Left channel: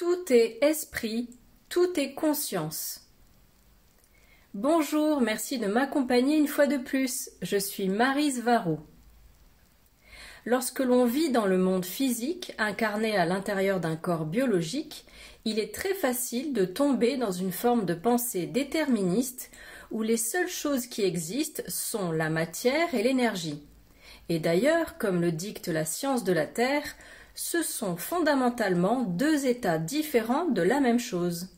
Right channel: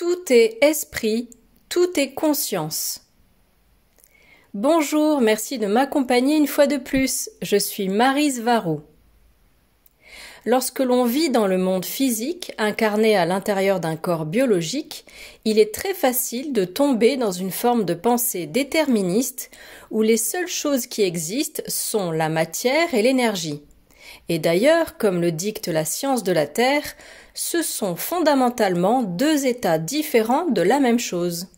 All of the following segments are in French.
Tout est esprit, tout est conscience. Bonjour, merci de m'accompagner une fois de plus. Je suis Maryse Varro. Lorsque l'on vit dans le monde physique, incarné à l'intérieur d'un corps biologique, il est très facile de tomber dans une forme de pensée déterministe où les seules choses qui existent sont la matière et l'énergie. Et d'ailleurs, comme le dicte la science de la Terre, ce sont fondamentalement deux états différents de la même chose.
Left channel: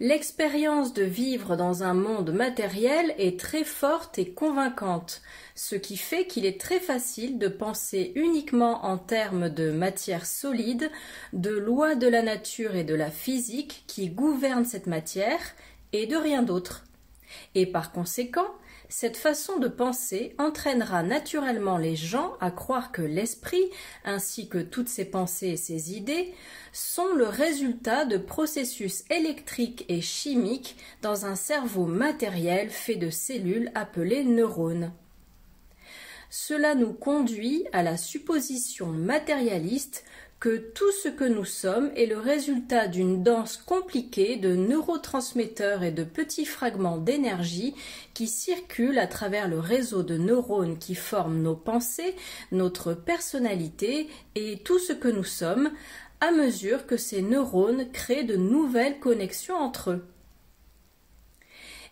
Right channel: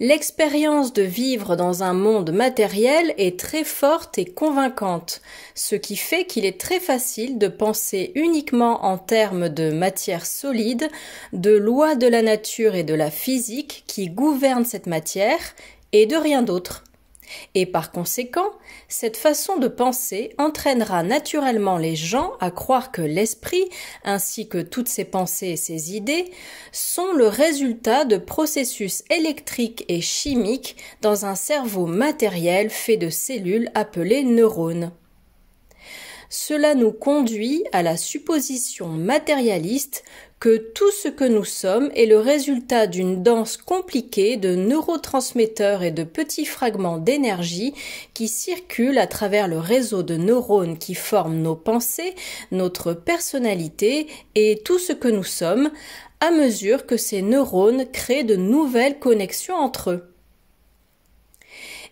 L'expérience de vivre dans un monde matériel est très forte et convaincante, ce qui fait qu'il est très facile de penser uniquement en termes de matière solide, de lois de la nature et de la physique qui gouvernent cette matière, et de rien d'autre. Et par conséquent, cette façon de penser entraînera naturellement les gens à croire que l'esprit, ainsi que toutes ses pensées et ses idées, sont le résultat de processus électriques et chimiques dans un cerveau matériel fait de cellules appelées neurones. Cela nous conduit à la supposition matérialiste que tout ce que nous sommes est le résultat d'une danse compliquée de neurotransmetteurs et de petits fragments d'énergie qui circulent à travers le réseau de neurones qui forment nos pensées, notre personnalité et tout ce que nous sommes, à mesure que ces neurones créent de nouvelles connexions entre eux.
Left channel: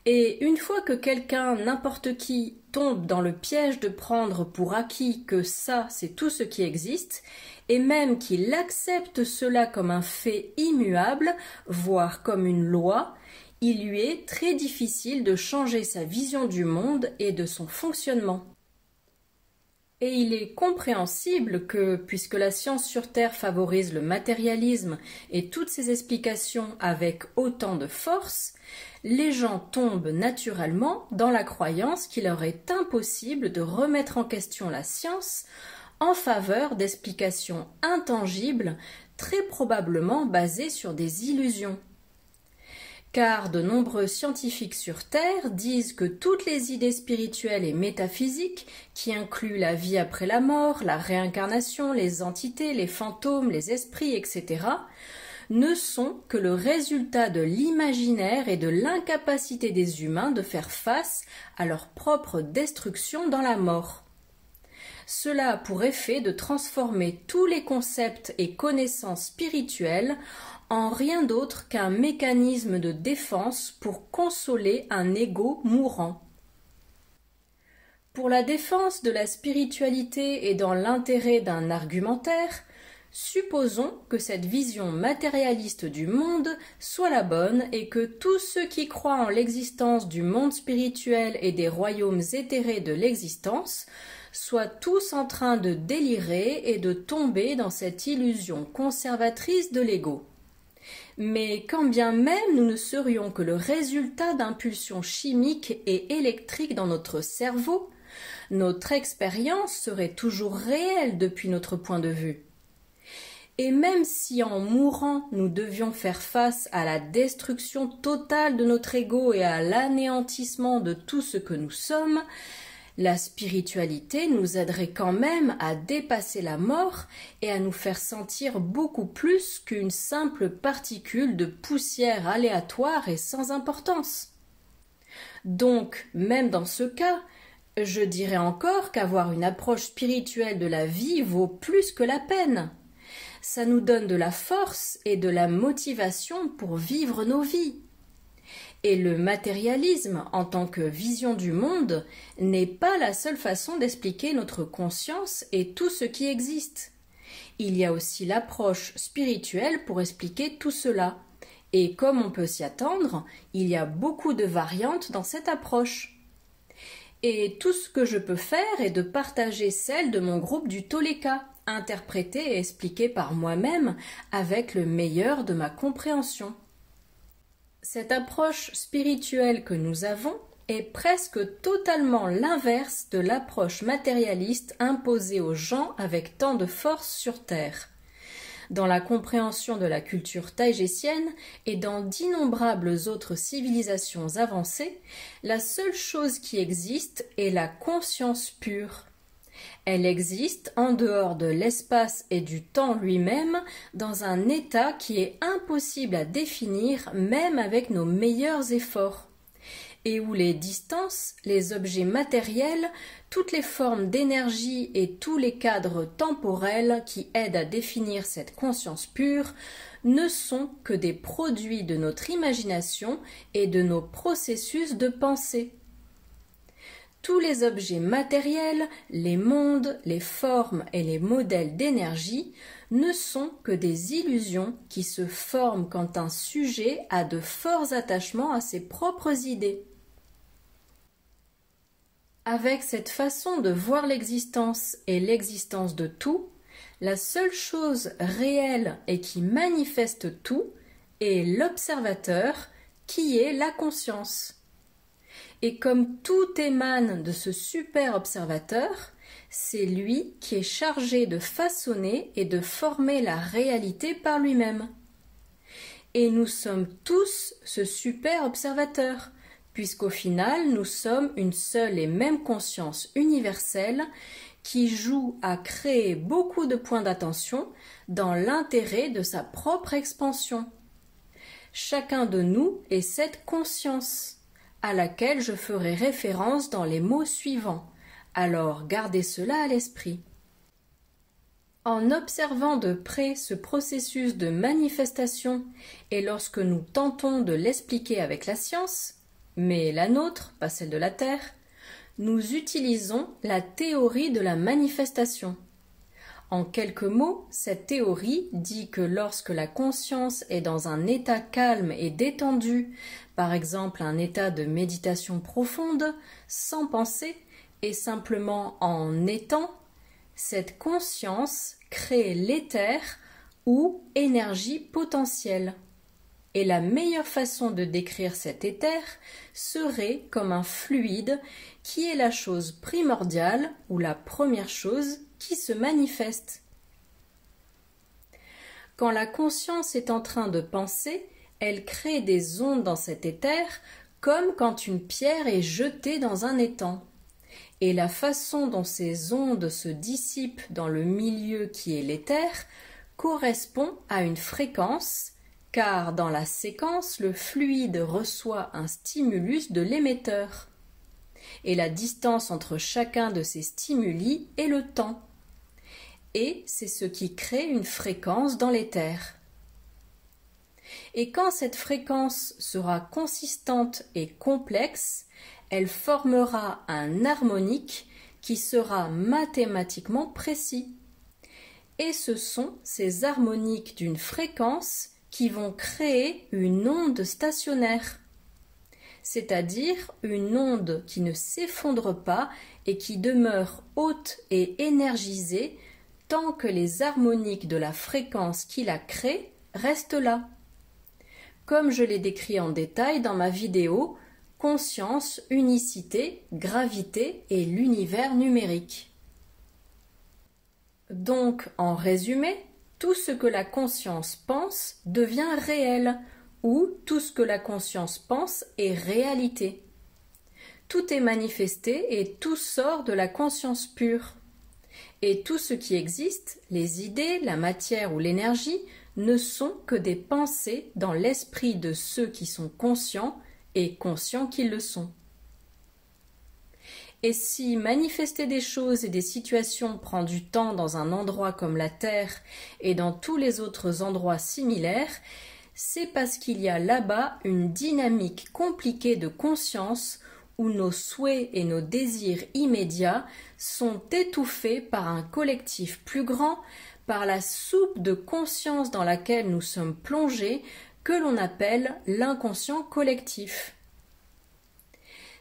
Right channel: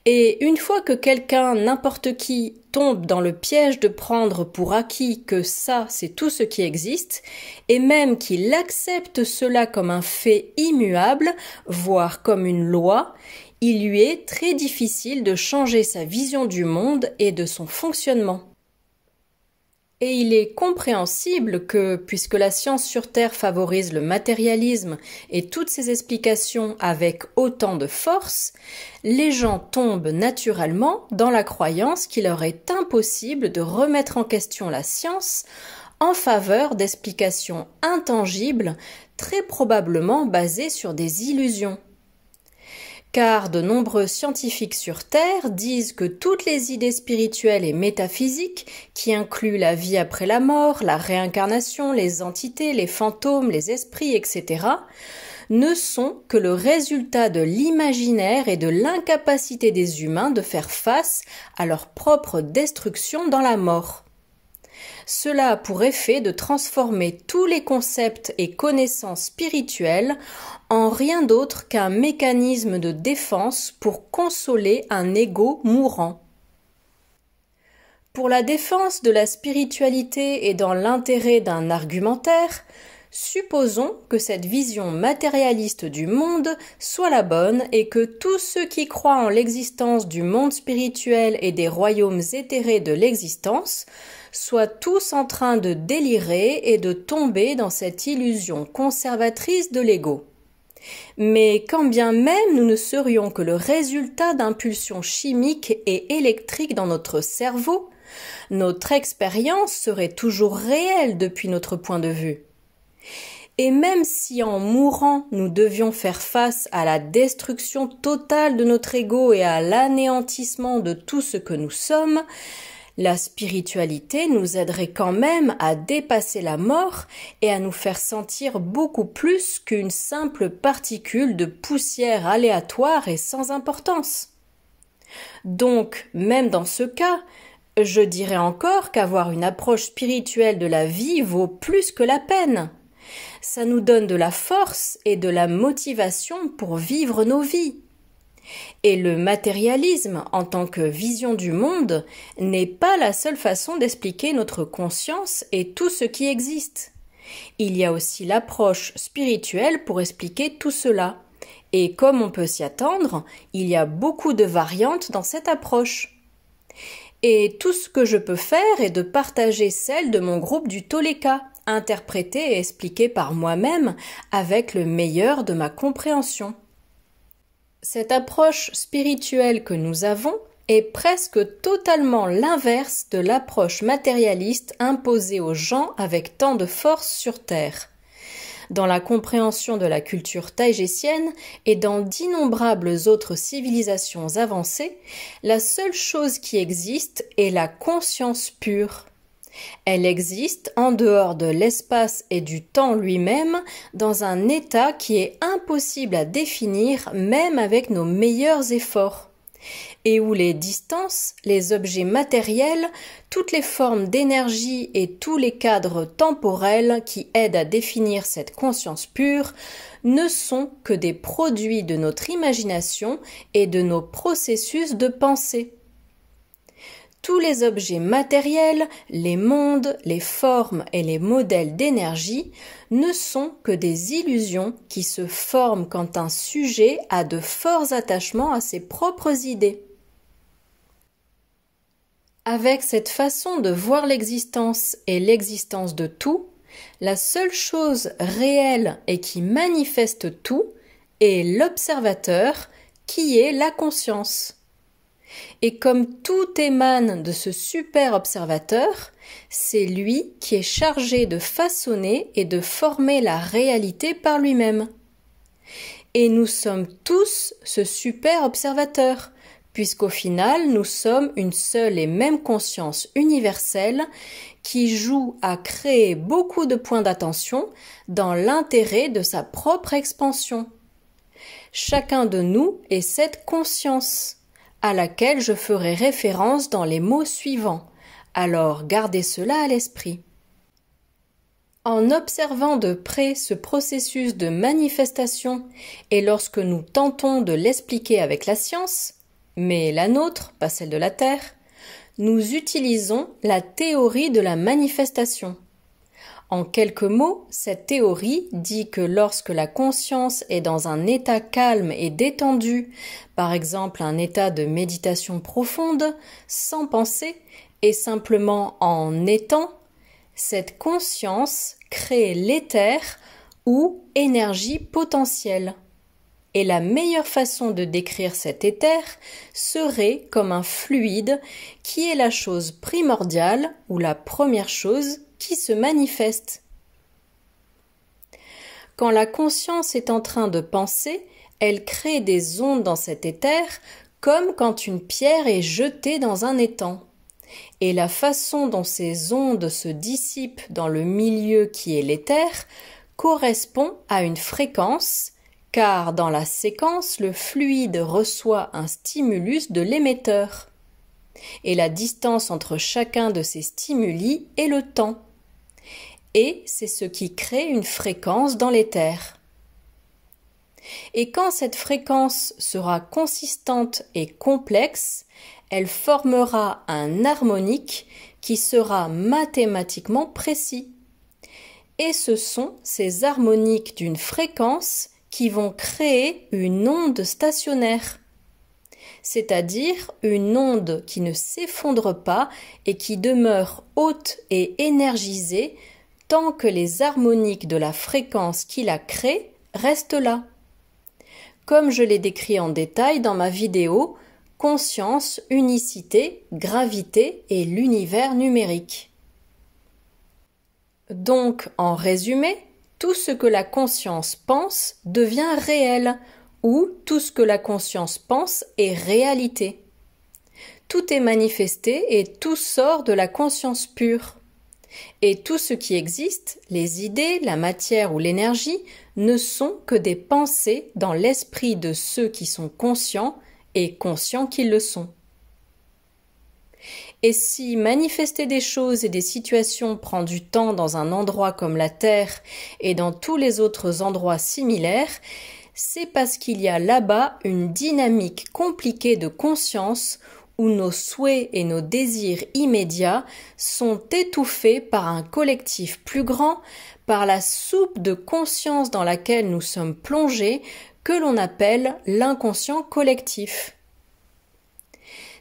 Et une fois que quelqu'un, n'importe qui, tombe dans le piège de prendre pour acquis que ça, c'est tout ce qui existe, et même qu'il accepte cela comme un fait immuable, voire comme une loi, il lui est très difficile de changer sa vision du monde et de son fonctionnement. Et il est compréhensible que, puisque la science sur Terre favorise le matérialisme et toutes ses explications avec autant de force, les gens tombent naturellement dans la croyance qu'il leur est impossible de remettre en question la science en faveur d'explications intangibles, très probablement basées sur des illusions. Car de nombreux scientifiques sur Terre disent que toutes les idées spirituelles et métaphysiques, qui incluent la vie après la mort, la réincarnation, les entités, les fantômes, les esprits, etc., ne sont que le résultat de l'imaginaire et de l'incapacité des humains de faire face à leur propre destruction dans la mort. Cela a pour effet de transformer tous les concepts et connaissances spirituelles en rien d'autre qu'un mécanisme de défense pour consoler un ego mourant. Pour la défense de la spiritualité et dans l'intérêt d'un argumentaire, supposons que cette vision matérialiste du monde soit la bonne et que tous ceux qui croient en l'existence du monde spirituel et des royaumes éthérés de l'existence soient tous en train de délirer et de tomber dans cette illusion conservatrice de l'ego. Mais quand bien même nous ne serions que le résultat d'impulsions chimiques et électriques dans notre cerveau, notre expérience serait toujours réelle depuis notre point de vue. Et même si en mourant nous devions faire face à la destruction totale de notre ego et à l'anéantissement de tout ce que nous sommes, la spiritualité nous aiderait quand même à dépasser la mort et à nous faire sentir beaucoup plus qu'une simple particule de poussière aléatoire et sans importance. Donc, même dans ce cas, je dirais encore qu'avoir une approche spirituelle de la vie vaut plus que la peine. Ça nous donne de la force et de la motivation pour vivre nos vies. Et le matérialisme, en tant que vision du monde, n'est pas la seule façon d'expliquer notre conscience et tout ce qui existe. Il y a aussi l'approche spirituelle pour expliquer tout cela. Et comme on peut s'y attendre, il y a beaucoup de variantes dans cette approche. Et tout ce que je peux faire est de partager celle de mon groupe du Toleka, interprétée et expliquée par moi-même avec le meilleur de ma compréhension. Cette approche spirituelle que nous avons est presque totalement l'inverse de l'approche matérialiste imposée aux gens avec tant de force sur Terre. Dans la compréhension de la culture taïgésienne et dans d'innombrables autres civilisations avancées, la seule chose qui existe est la conscience pure. Elle existe en dehors de l'espace et du temps lui-même, dans un état qui est impossible à définir même avec nos meilleurs efforts, et où les distances, les objets matériels, toutes les formes d'énergie et tous les cadres temporels qui aident à définir cette conscience pure ne sont que des produits de notre imagination et de nos processus de pensée. Tous les objets matériels, les mondes, les formes et les modèles d'énergie ne sont que des illusions qui se forment quand un sujet a de forts attachements à ses propres idées. Avec cette façon de voir l'existence et l'existence de tout, la seule chose réelle et qui manifeste tout est l'observateur, qui est la conscience. Et comme tout émane de ce super observateur, c'est lui qui est chargé de façonner et de former la réalité par lui-même. Et nous sommes tous ce super observateur, puisqu'au final nous sommes une seule et même conscience universelle qui joue à créer beaucoup de points d'attention dans l'intérêt de sa propre expansion. Chacun de nous est cette conscience, à laquelle je ferai référence dans les mots suivants. Alors gardez cela à l'esprit. En observant de près ce processus de manifestation et lorsque nous tentons de l'expliquer avec la science, mais la nôtre, pas celle de la Terre, nous utilisons la théorie de la manifestation. En quelques mots, cette théorie dit que lorsque la conscience est dans un état calme et détendu, par exemple un état de méditation profonde, sans penser et simplement en étant, cette conscience crée l'éther ou énergie potentielle. Et la meilleure façon de décrire cet éther serait comme un fluide qui est la chose primordiale ou la première chose qui se manifeste. Quand la conscience est en train de penser, elle crée des ondes dans cet éther comme quand une pierre est jetée dans un étang. Et la façon dont ces ondes se dissipent dans le milieu qui est l'éther correspond à une fréquence, car dans la séquence, le fluide reçoit un stimulus de l'émetteur. Et la distance entre chacun de ces stimuli est le temps. Et c'est ce qui crée une fréquence dans l'éther. Et quand cette fréquence sera consistante et complexe, elle formera un harmonique qui sera mathématiquement précis. Et ce sont ces harmoniques d'une fréquence qui vont créer une onde stationnaire, c'est-à-dire une onde qui ne s'effondre pas et qui demeure haute et énergisée tant que les harmoniques de la fréquence qui la crée restent là. Comme je l'ai décrit en détail dans ma vidéo « Conscience, unicité, gravité et l'univers numérique ». Donc, en résumé, tout ce que la conscience pense devient réel, ou tout ce que la conscience pense est réalité. Tout est manifesté et tout sort de la conscience pure. Et tout ce qui existe, les idées, la matière ou l'énergie, ne sont que des pensées dans l'esprit de ceux qui sont conscients et conscients qu'ils le sont. Et si manifester des choses et des situations prend du temps dans un endroit comme la Terre et dans tous les autres endroits similaires, c'est parce qu'il y a là-bas une dynamique compliquée de conscience où nos souhaits et nos désirs immédiats sont étouffés par un collectif plus grand, par la soupe de conscience dans laquelle nous sommes plongés, que l'on appelle l'inconscient collectif.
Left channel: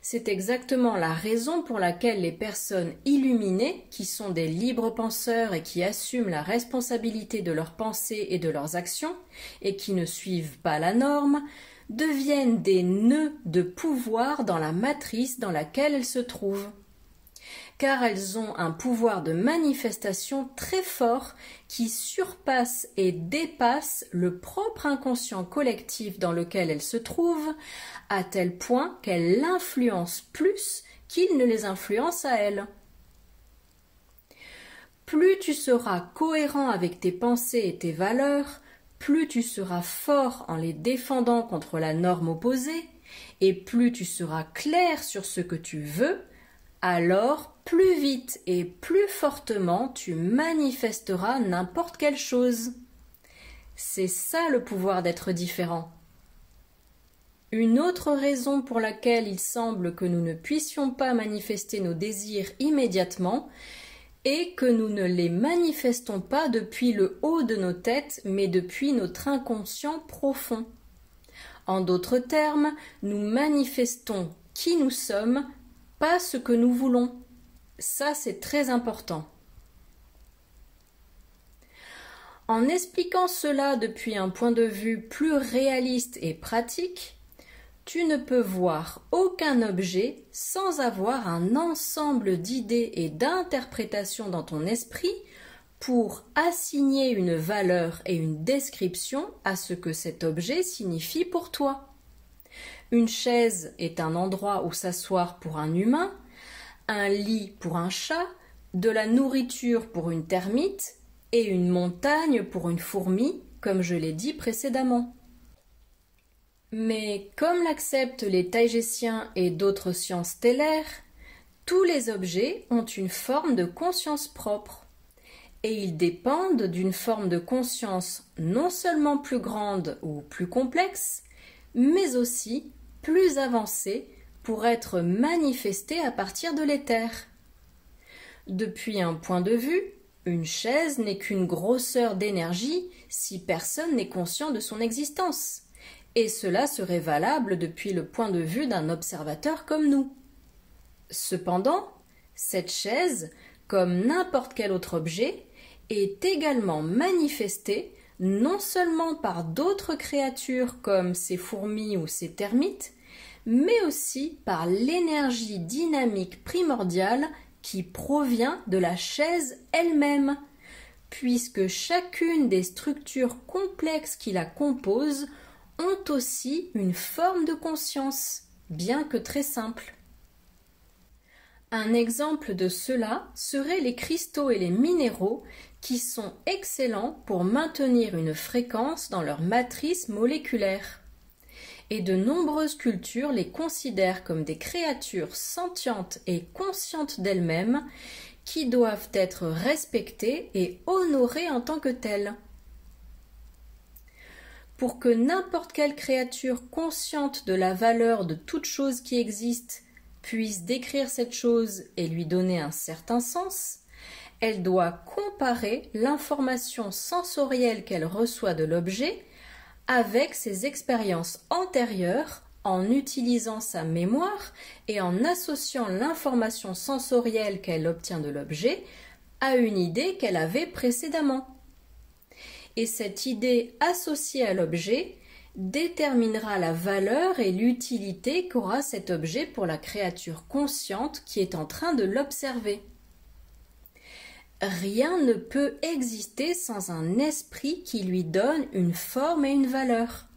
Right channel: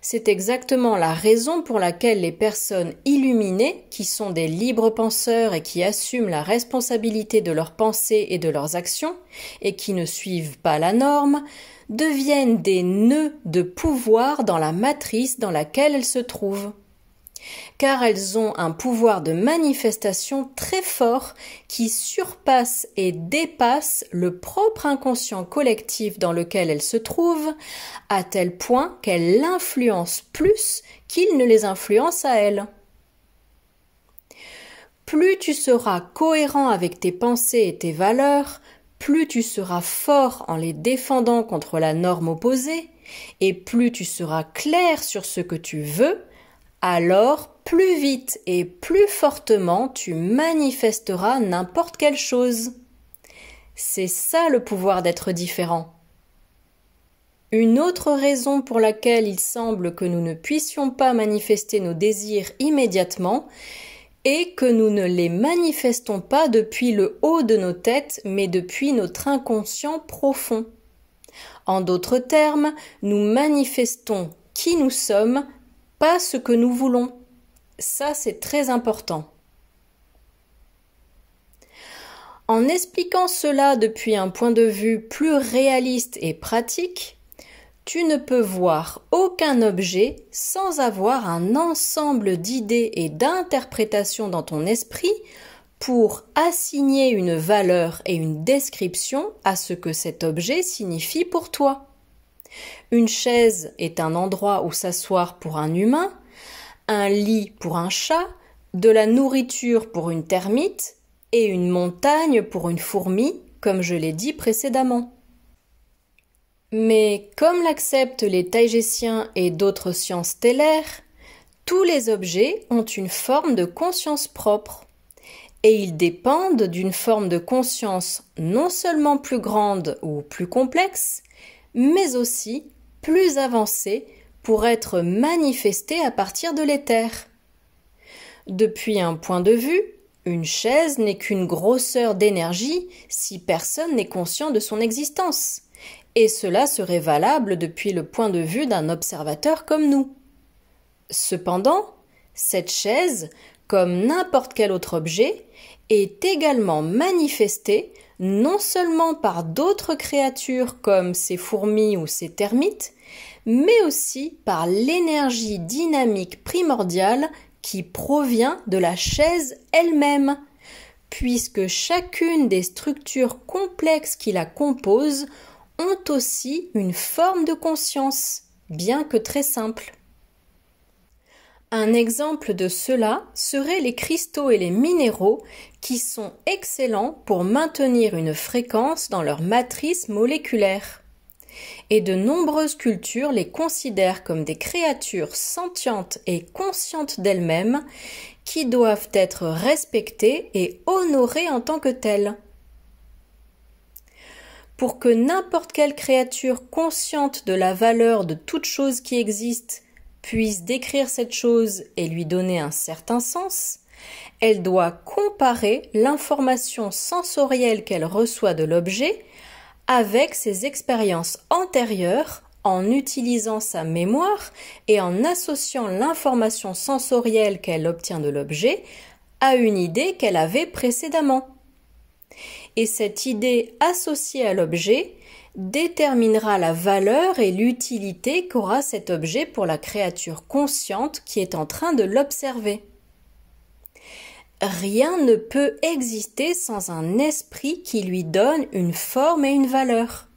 C'est exactement la raison pour laquelle les personnes illuminées, qui sont des libres penseurs et qui assument la responsabilité de leurs pensées et de leurs actions, et qui ne suivent pas la norme, deviennent des nœuds de pouvoir dans la matrice dans laquelle elles se trouvent. Car elles ont un pouvoir de manifestation très fort qui surpasse et dépasse le propre inconscient collectif dans lequel elles se trouvent, à tel point qu'elles l'influencent plus qu'il ne les influence à elles. plus tu seras cohérent avec tes pensées et tes valeurs, plus tu seras fort en les défendant contre la norme opposée, et plus tu seras clair sur ce que tu veux, alors plus vite et plus fortement tu manifesteras n'importe quelle chose. C'est ça le pouvoir d'être différent. Une autre raison pour laquelle il semble que nous ne puissions pas manifester nos désirs immédiatement est que nous ne les manifestons pas depuis le haut de nos têtes, mais depuis notre inconscient profond. En d'autres termes, nous manifestons qui nous sommes, pas ce que nous voulons. Ça, c'est très important. En expliquant cela depuis un point de vue plus réaliste et pratique, tu ne peux voir aucun objet sans avoir un ensemble d'idées et d'interprétations dans ton esprit pour assigner une valeur et une description à ce que cet objet signifie pour toi. Une chaise est un endroit où s'asseoir pour un humain, un lit pour un chat, de la nourriture pour une termite et une montagne pour une fourmi, comme je l'ai dit précédemment. Mais comme l'acceptent les taïgésiens et d'autres sciences stellaires, tous les objets ont une forme de conscience propre, et ils dépendent d'une forme de conscience non seulement plus grande ou plus complexe, mais aussi plus avancée pour être manifestée à partir de l'éther. Depuis un point de vue, une chaise n'est qu'une grosseur d'énergie si personne n'est conscient de son existence. Et cela serait valable depuis le point de vue d'un observateur comme nous. Cependant, cette chaise, comme n'importe quel autre objet, est également manifestée non seulement par d'autres créatures comme ces fourmis ou ces termites, mais aussi par l'énergie dynamique primordiale qui provient de la chaise elle-même, puisque chacune des structures complexes qui la composent ont aussi une forme de conscience, bien que très simple. Un exemple de cela seraient les cristaux et les minéraux qui sont excellents pour maintenir une fréquence dans leur matrice moléculaire. Et de nombreuses cultures les considèrent comme des créatures sentientes et conscientes d'elles-mêmes qui doivent être respectées et honorées en tant que telles. Pour que n'importe quelle créature consciente de la valeur de toute chose qui existe puisse décrire cette chose et lui donner un certain sens, elle doit comparer l'information sensorielle qu'elle reçoit de l'objet avec ses expériences antérieures en utilisant sa mémoire et en associant l'information sensorielle qu'elle obtient de l'objet à une idée qu'elle avait précédemment. Et cette idée associée à l'objet déterminera la valeur et l'utilité qu'aura cet objet pour la créature consciente qui est en train de l'observer. Rien ne peut exister sans un esprit qui lui donne une forme et une valeur.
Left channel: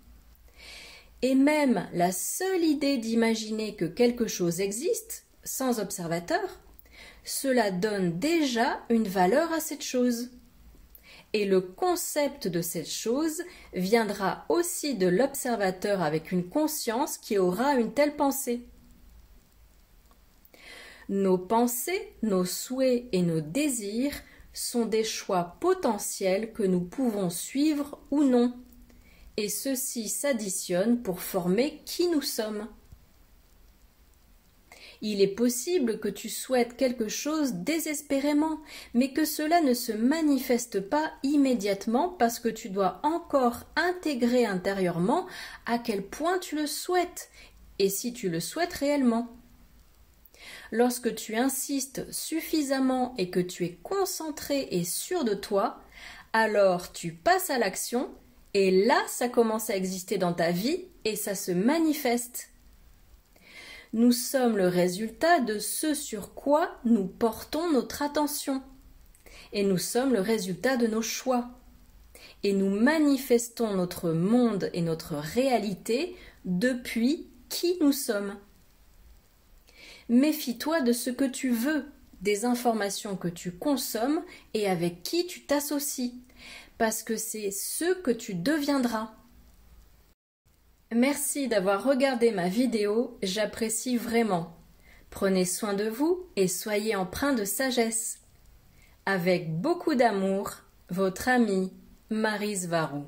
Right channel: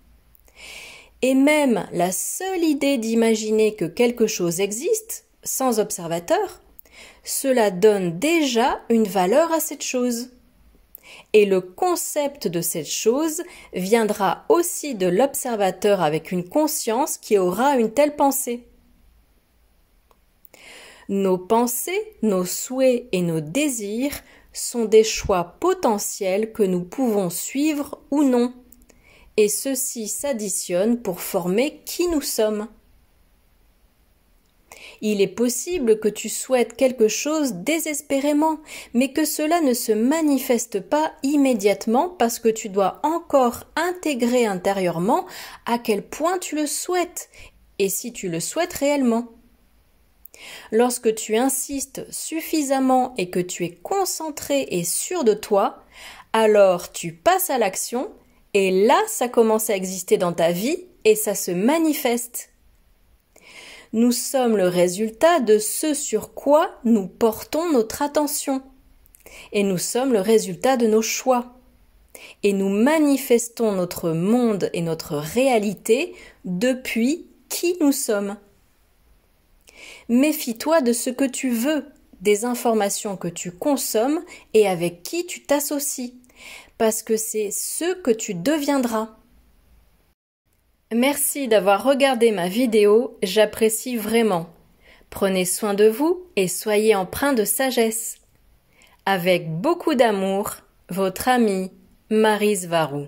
Et même la seule idée d'imaginer que quelque chose existe, sans observateur, cela donne déjà une valeur à cette chose. Et le concept de cette chose viendra aussi de l'observateur avec une conscience qui aura une telle pensée. Nos pensées, nos souhaits et nos désirs sont des choix potentiels que nous pouvons suivre ou non, et ceux-ci s'additionnent pour former qui nous sommes. Il est possible que tu souhaites quelque chose désespérément, mais que cela ne se manifeste pas immédiatement parce que tu dois encore intégrer intérieurement à quel point tu le souhaites, et si tu le souhaites réellement. Lorsque tu insistes suffisamment et que tu es concentré et sûr de toi, alors tu passes à l'action et là ça commence à exister dans ta vie et ça se manifeste. Nous sommes le résultat de ce sur quoi nous portons notre attention et nous sommes le résultat de nos choix. Et nous manifestons notre monde et notre réalité depuis qui nous sommes. Méfie-toi de ce que tu veux, des informations que tu consommes et avec qui tu t'associes, parce que c'est ce que tu deviendras. Merci d'avoir regardé ma vidéo, j'apprécie vraiment. Prenez soin de vous et soyez empreint de sagesse. Avec beaucoup d'amour, votre amie Maryse Varou.